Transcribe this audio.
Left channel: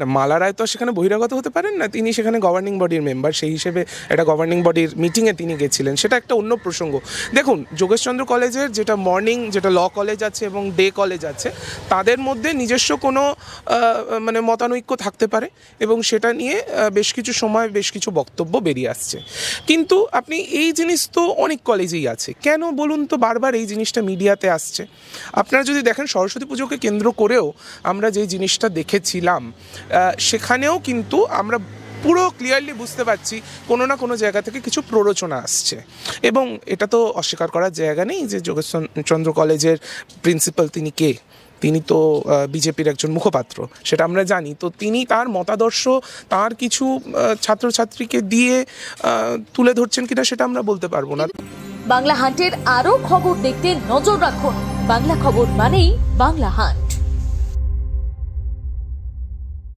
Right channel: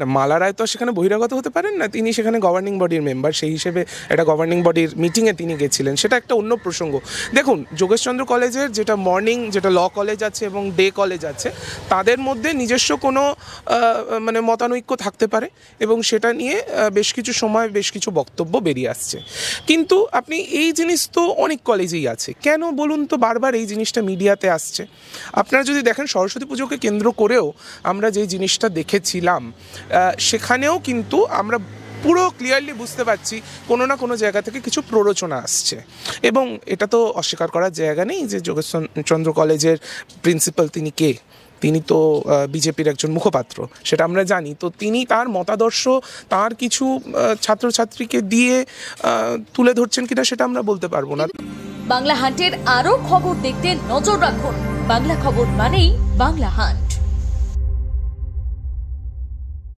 না, মালা রায় তো সেখানে বহিরাগত হতে পারেন না, তিনি সেখানে গভর্নিং বডির মেম্বার, সেই হিসেবে একটা গভর্নিং বডির মিটিংয়ে তিনি গেছিলেন, সেটা একটা অন্য প্রসঙ্গ। দেখুন, যোগেশচন্দ্র কলেজের যেটা মর্নিং, যেটা ল কলেজ আছে এবং ডে কলেজ আছে, তাদের মধ্যে নিজস্ব কোনো মানে মতানৈক্য থাকতে পারে এবং সেটা নিয়ে বেশ কিছু সময় বেশ কিছু বক্তব্য বেরিয়ে আসছে। কিন্তু আপনি এই জিনিস তো অনেক কলেজেই আছে, কেন বলুন তো বারবার এই জিনিসটা মিডিয়াতে আসছে? আপনারা যদি দেখেন, সরস্বতী পুজোকে কেন্দ্র করেও আমরা যে জিনিসটা দেখেছিলাম, সেখানেও কিন্তু আমরা পুরো ক্লিয়ারলি বুঝতে পারছি কোনো না কোনো জায়গা থেকে কিছু প্ররোচনা আসছে। এবং এটা তো অস্বীকার করার জায়গা নেই যে যোগেশচন্দ্র কলেজের প্রিন্সিপাল তিনি কে, তিনি তো বিজেপির একজন মুখপাত্র, সেটা আমরা জানি। তো তিনি তার মতাদর্শ তার কিছু ছাত্রছাত্রীকে দিয়ে তুলে ধরছেন কিনা সেটা আমরা বলতে পারবো না। বাংলা হান্টের আরো খবর দেখতে নজর রাখুন। বাংলা খবর মানেই বাংলা হান্ট।